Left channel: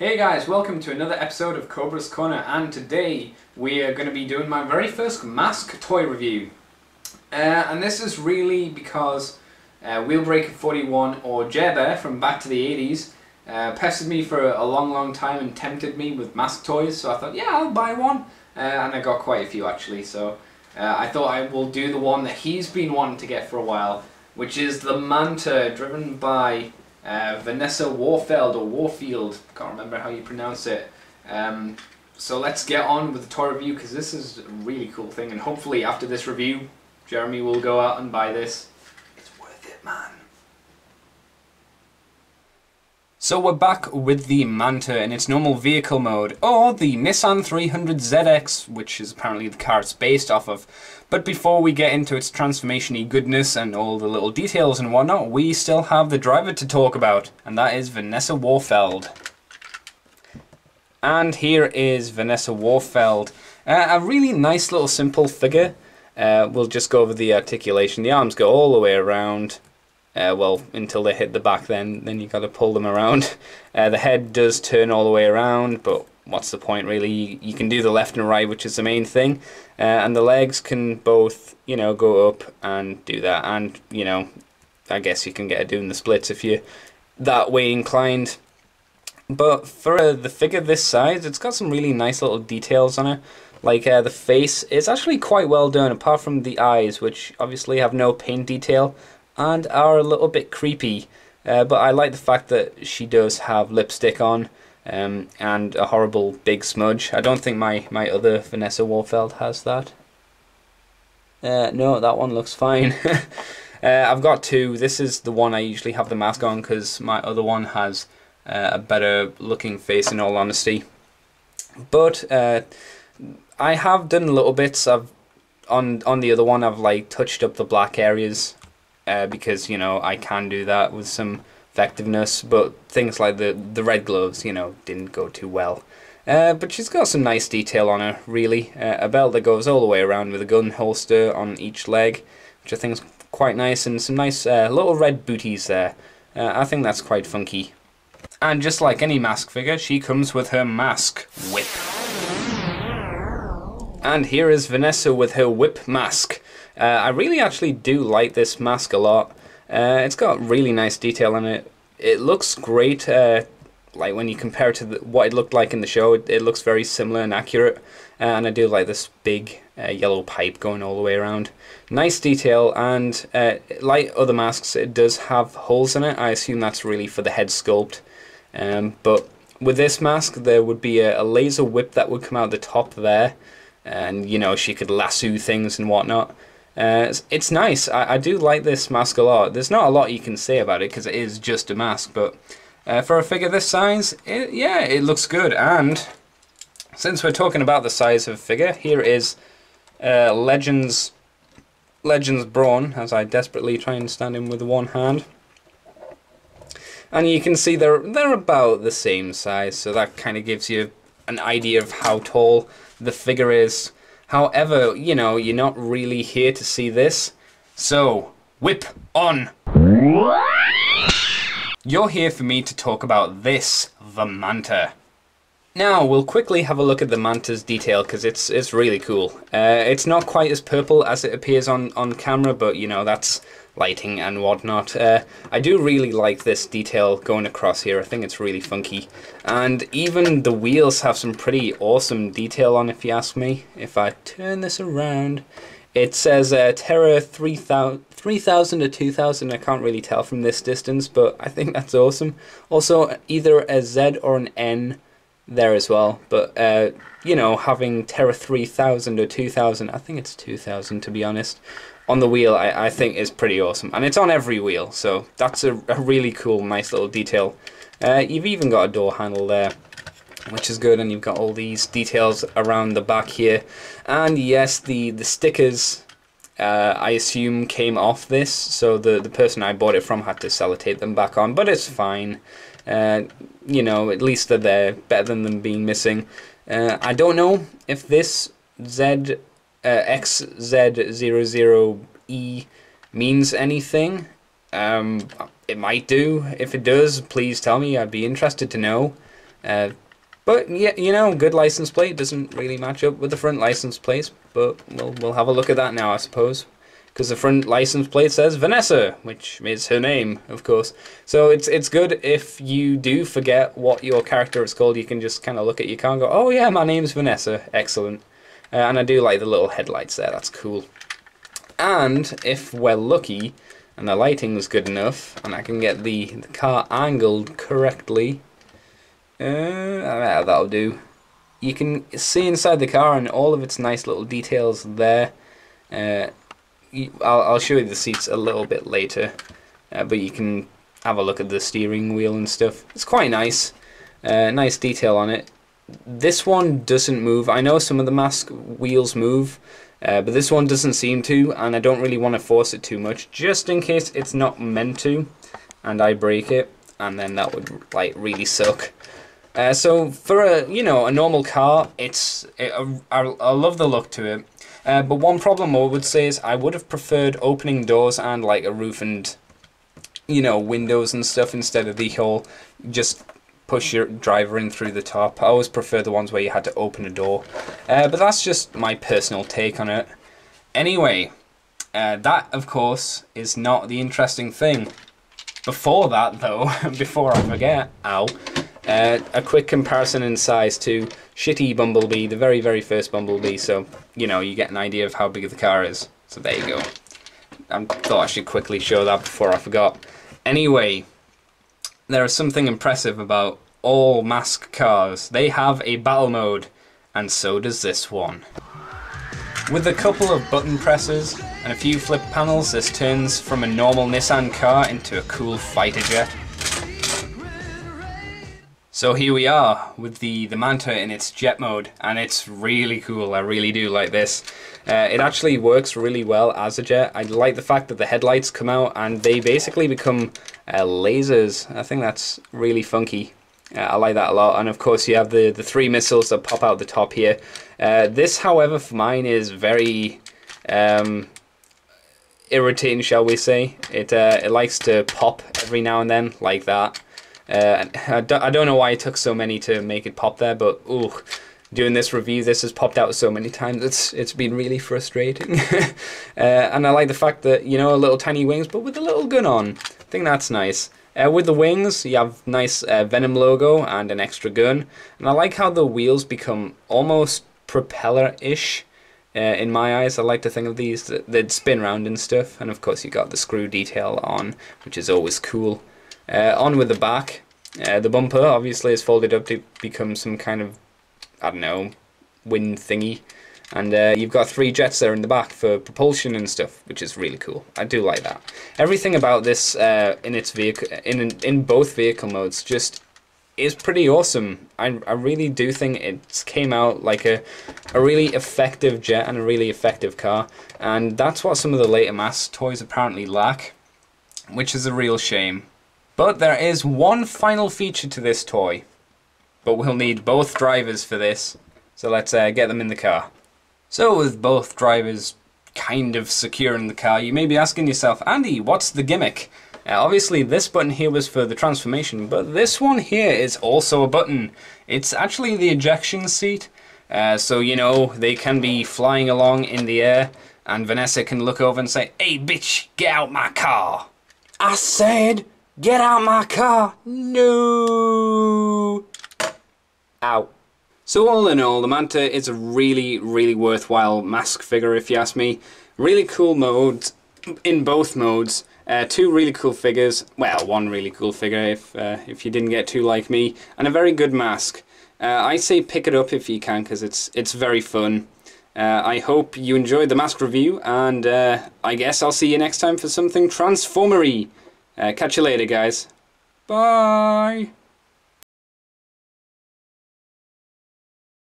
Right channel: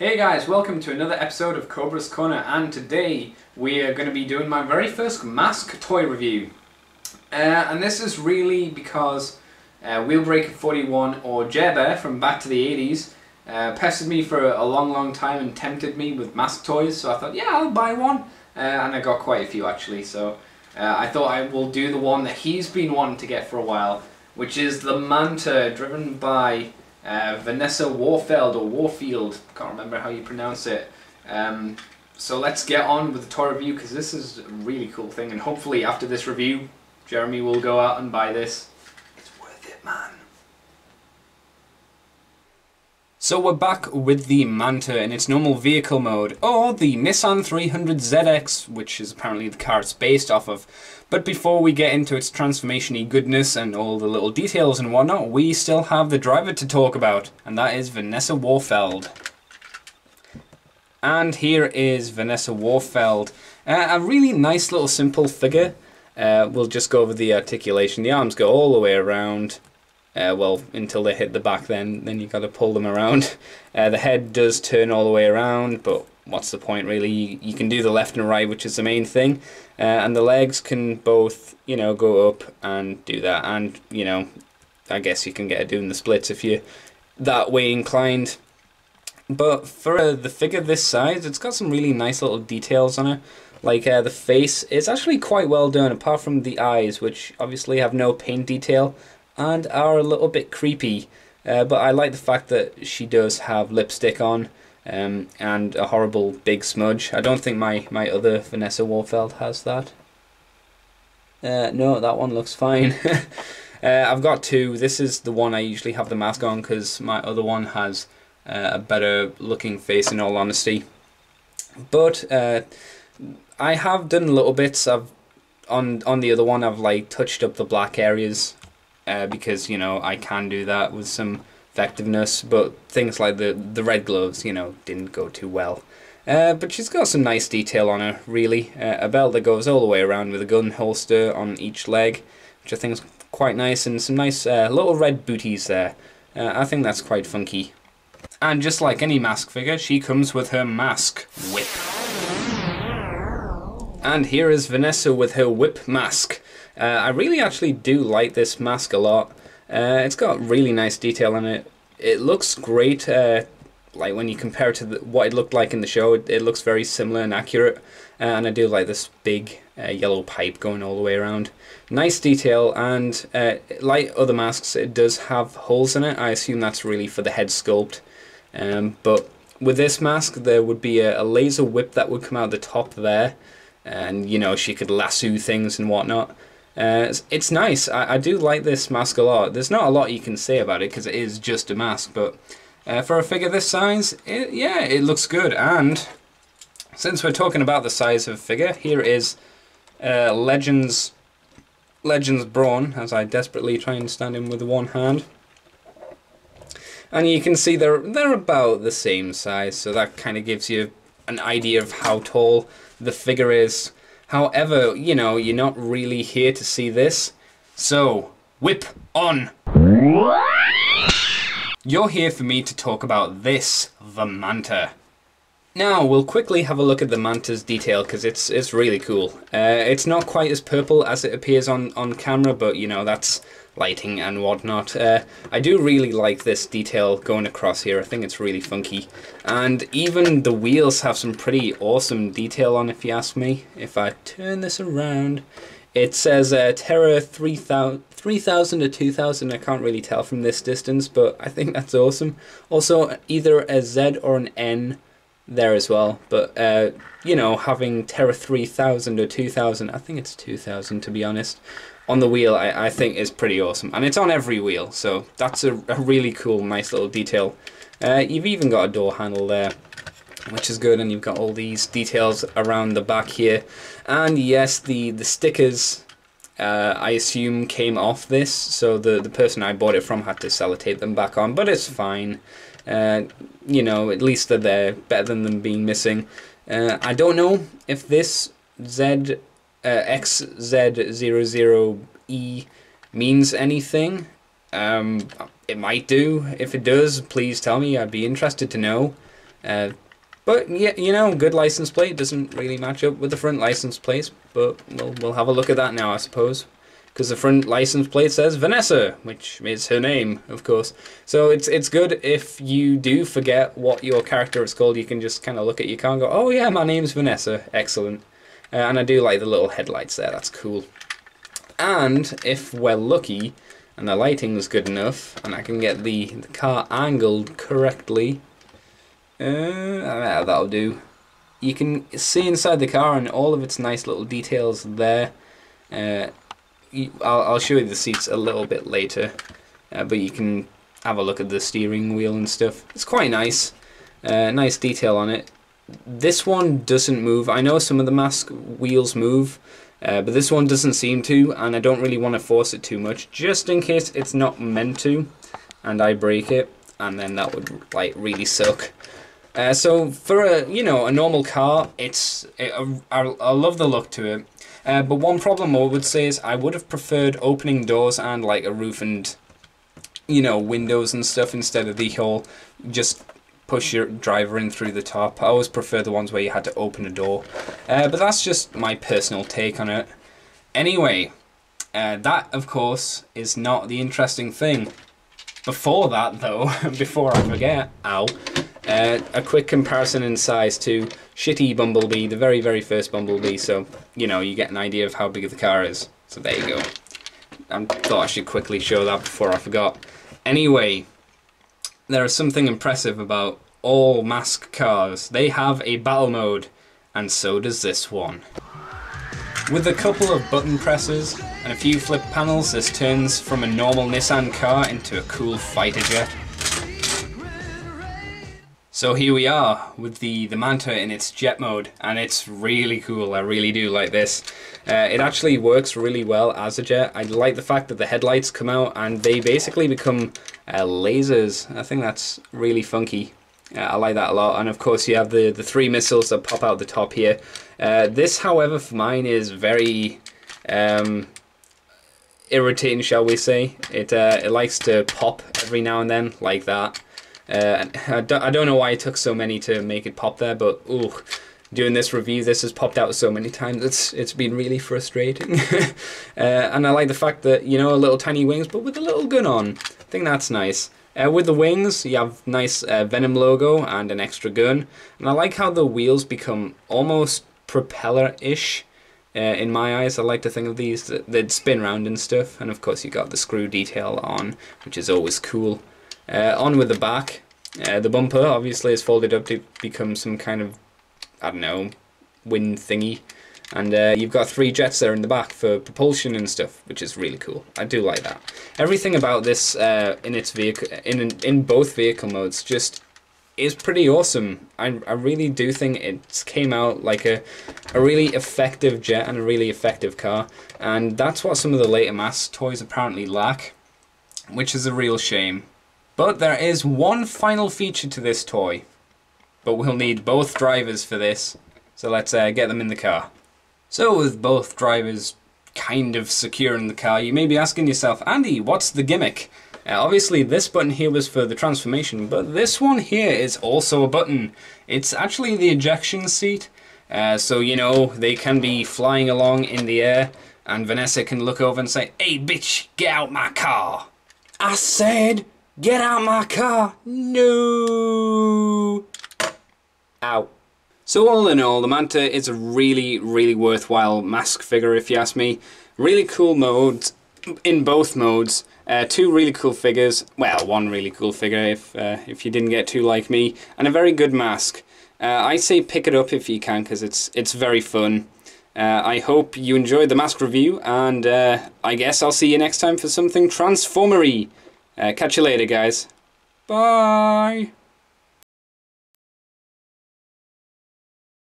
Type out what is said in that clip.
Hey guys, welcome to another episode of Cobra's Corner, and today we are going to be doing my very first mask toy review. And this is really because Wheelbreaker 41 or Jer Bear from back to the 80s pestered me for a long time and tempted me with mask toys, so I thought, yeah, I'll buy one. And I got quite a few actually, so I thought I will do the one that he's been wanting to get for a while, which is the Manta, driven by Vanessa Warfield or Warfield, can't remember how you pronounce it. So let's get on with the toy review, because this is a really cool thing, and hopefully after this review Jeremy will go out and buy this. It's worth it, man. So we're back with the Manta in its normal vehicle mode, or the Nissan 300ZX, which is apparently the car it's based off of. But before we get into its transformation-y goodness and all the little details and whatnot, we still have the driver to talk about, and that is Vanessa Warfield. And here is Vanessa Warfield. A really nice little simple figure. We'll just go over the articulation. The arms go all the way around. Well, until they hit the back, then you got to pull them around. The head does turn all the way around, but what's the point really? You can do the left and right, which is the main thing. And the legs can both, go up and do that. And, I guess you can get it doing the splits if you're that way inclined. But for the figure this size, it's got some really nice little details on it. Like the face is actually quite well done, apart from the eyes, which obviously have no paint detail and are a little bit creepy, but I like the fact that she does have lipstick on and a horrible big smudge. I don't think my other Vanessa Warfield has that. No, that one looks fine. I've got two. This is the one I usually have the mask on because my other one has a better looking face, in all honesty. But I have done little bits. On the other one I've like touched up the black areas. Because I can do that with some effectiveness, but things like the red gloves didn't go too well. But she's got some nice detail on her, really. A belt that goes all the way around with a gun holster on each leg, which I think is quite nice, and some nice little red booties there. I think that's quite funky. And just like any mask figure, she comes with her mask whip. And here is Vanessa with her whip mask. I really actually do like this mask a lot. It's got really nice detail on it. It looks great, like when you compare it to what it looked like in the show, it looks very similar and accurate. And I do like this big yellow pipe going all the way around. Nice detail, and like other masks, it does have holes in it. I assume that's really for the head sculpt. But with this mask, there would be a laser whip that would come out the top there. And she could lasso things and whatnot. It's nice. I do like this mask a lot. There's not a lot you can say about it because it is just a mask, but for a figure this size, it looks good. And since we're talking about the size of a figure, here is Legends Brawn, as I desperately try and stand him with one hand. And you can see they're about the same size, so that kind of gives you an idea of how tall the figure is. However, you're not really here to see this, so whip on! You're here for me to talk about this, the Manta. Now, we'll quickly have a look at the Manta's detail, because it's really cool. It's not quite as purple as it appears on camera, but that's lighting and whatnot. I do really like this detail going across here. I think it's really funky. And even the wheels have some pretty awesome detail on, if you ask me. If I turn this around, it says Terra 3000 or 2000. I can't really tell from this distance, but I think that's awesome. Also, either a Z or an N there as well, but having Terra 3000 or 2000, I think it's 2000 to be honest, on the wheel, I think is pretty awesome, and it's on every wheel, so that's a really cool, nice little detail. You've even got a door handle there, which is good, and you've got all these details around the back here. And yes, the stickers I assume came off this, so the person I bought it from had to sellotape them back on, but it's fine. At least they're there, better than them being missing. I don't know if this XZ00E means anything. It might do. If it does, please tell me. I'd be interested to know. But yeah, you know, good license plate doesn't really match up with the front license plate, but we'll have a look at that now, I suppose. Because the front license plate says Vanessa, which is her name, of course. So it's good if you do forget what your character is called, you can just kind of look at your car and go, oh yeah, my name's Vanessa, excellent. And I do like the little headlights there, that's cool. And if we're lucky, and the lighting's good enough, and I can get the car angled correctly, that'll do. You can see inside the car and all of its nice little details there. I'll show you the seats a little bit later, but you can have a look at the steering wheel and stuff. It's quite nice. Nice detail on it. This one doesn't move. I know some of the mask wheels move, but this one doesn't seem to, and I don't really want to force it too much, just in case it's not meant to, and I break it, and then that would like really suck. So for a normal car, I love the look to it. But one problem I would say is I would have preferred opening doors and like a roof and windows and stuff instead of the whole just push your driver in through the top. I always prefer the ones where you had to open a door. But that's just my personal take on it. Anyway, that of course is not the interesting thing. Before that though, before I forget, a quick comparison in size to shitty Bumblebee, the very, very first Bumblebee, so, you get an idea of how big the car is. So there you go. I thought I should quickly show that before I forgot. Anyway, there is something impressive about all mask cars. They have a battle mode, and so does this one. With a couple of button presses and a few flip panels, this turns from a normal Nissan car into a cool fighter jet. So here we are with the Manta in its jet mode, and it's really cool. I really do like this. It actually works really well as a jet. I like the fact that the headlights come out and they basically become lasers. I think that's really funky. I like that a lot. And of course you have the three missiles that pop out the top here. This, however, for mine is very irritating, shall we say. It likes to pop every now and then like that. I don't know why it took so many to make it pop there, but ooh, doing this review, this has popped out so many times. It's been really frustrating. And I like the fact that, little tiny wings, but with a little gun on. I think that's nice. With the wings, you have nice Venom logo and an extra gun. And I like how the wheels become almost propeller-ish. In my eyes, I like to think of these, they'd spin around and stuff. And of course you got the screw detail on, which is always cool. On with the back, the bumper obviously is folded up to become some kind of, I don't know, wind thingy. And you've got three jets there in the back for propulsion and stuff, which is really cool. I do like that. Everything about this in its vehicle, in both vehicle modes, just is pretty awesome. I really do think it came out like a really effective jet and a really effective car. And that's what some of the later mask toys apparently lack, which is a real shame. But there is one final feature to this toy, but we'll need both drivers for this, so let's get them in the car. So with both drivers kind of secure in the car, you may be asking yourself, Andy, what's the gimmick? Obviously this button here was for the transformation, but this one here is also a button. It's actually the ejection seat, so they can be flying along in the air, and Vanessa can look over and say, hey bitch, get out my car. I said, get out my car! No! Ow. So all in all, the Manta is a really, really worthwhile mask figure if you ask me. Really cool modes in both modes. Two really cool figures. Well, one really cool figure if you didn't get two like me. And a very good mask. I say pick it up if you can because it's very fun. I hope you enjoyed the mask review, and I guess I'll see you next time for something transformery. Catch you later, guys. Bye!